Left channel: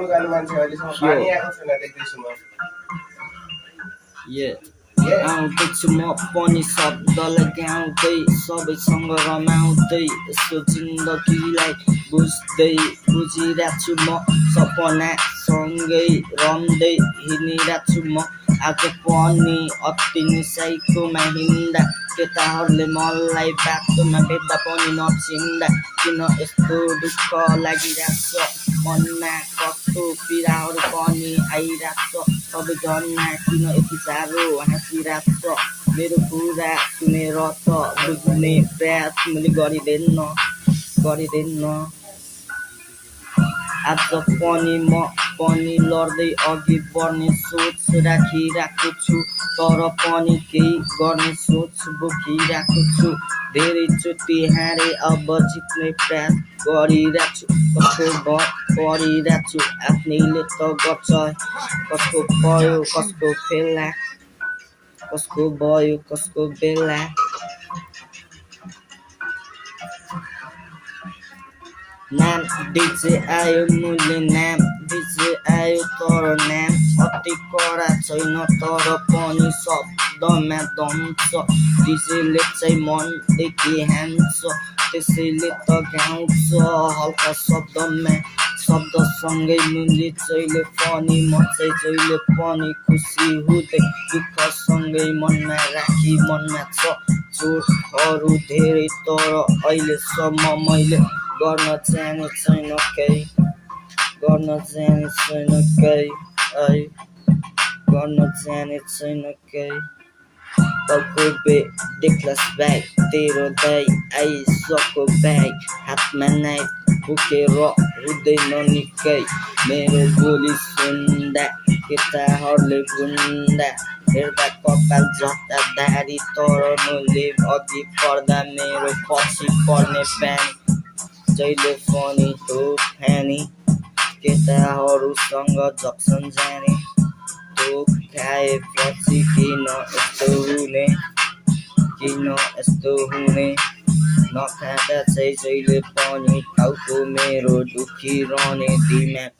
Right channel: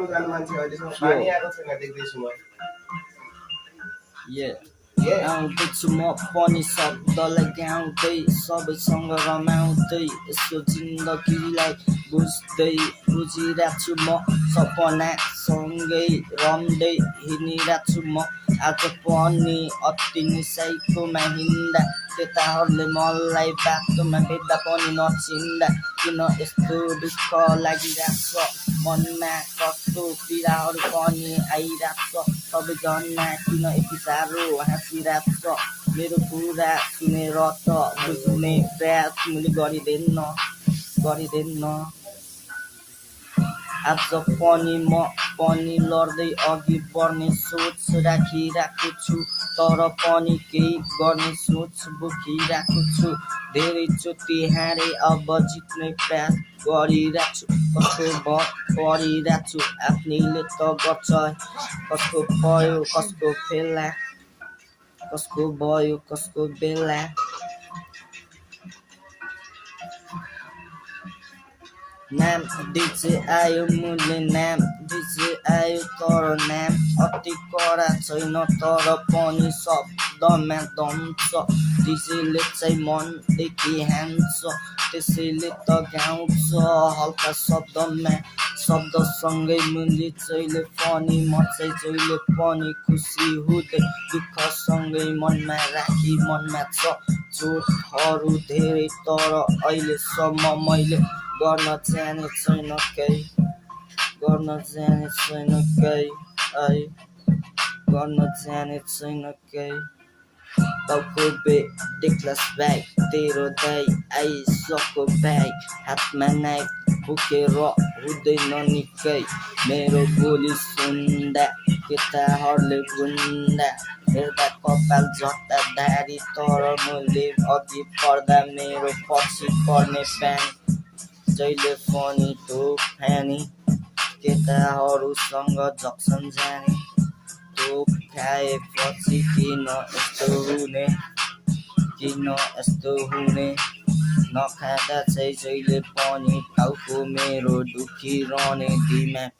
पढ्नु जानु मान्छे अहिलेसम्म पानी आएको छैन देख्दैछु म आउँदैछु म पनि शब्दलाई गाउँदै सबैसँग रमाउँदै यस्तो जिन्दगीलाई बुझिरहेको छु म सपनासँगै रम्दै हिँडिरहेको छु म आज पनि अति निसाइकोमा हिँड्दा केटाहरूले मलाई बाटोमा भेट्दा पनि नचिन्दा किन यस्तो दुःख लागिरहेको छ मनमा कस्तो पीडाहरू पनि आइरहेको छ सबैजना किन यति साह्रो हाँसिरहेको छ मेरो कुरा सुनेर त बुझ्ने प्रयास तिमीले गरिँदैन आज पनि म पनि लड्दै अघि बढ्ने सोच राखिरहेको छु तर पनि केही गर्ने सोच बोकिरहेको छु धेरैचोटि हारे अब जित्ने प्रयास गरिरहेको छु कसको परिरहेको छु आफ्नैले त गर्छ कसको भयो कसको बेला नाम डिजे आयो मुले नाम डिजे आयो तर नाम अति कडा छैन तर पनि शब्दमा दम छ डिजेले चाहिँ मनदेखि हान्छ त्यसैले त गाउँछ हल्का शब्दमा शब्दसँगै मुली जहिले पनि म चाहिँ जहिले पनि खुसी हुँदै दुःखसँगै मनमा राखी मनमा छ चोटहरू धेरै तर अहिलेसम्म मैले गर्न जाने छैन केही तल्को देखलास ब्याग तेरो दाइ आइसक्यो ब्याग हातमा नाइफ बोकेर हुँदैन निकै मेरो बोली सुन्दा केटाहरूले गुन्दा हेर्दा कपाल जता दारी तर मैले अघि पर्दा मेरो पछि पर्ने प्यानी जहिले पनि तोफानी केटाहरूसँग जक्सन जाने तोप खाएपछि किन यस्तो हुने नखाँदा चाहिँ जहिले पनि टाउको मेरो दुखिरहने दिमाग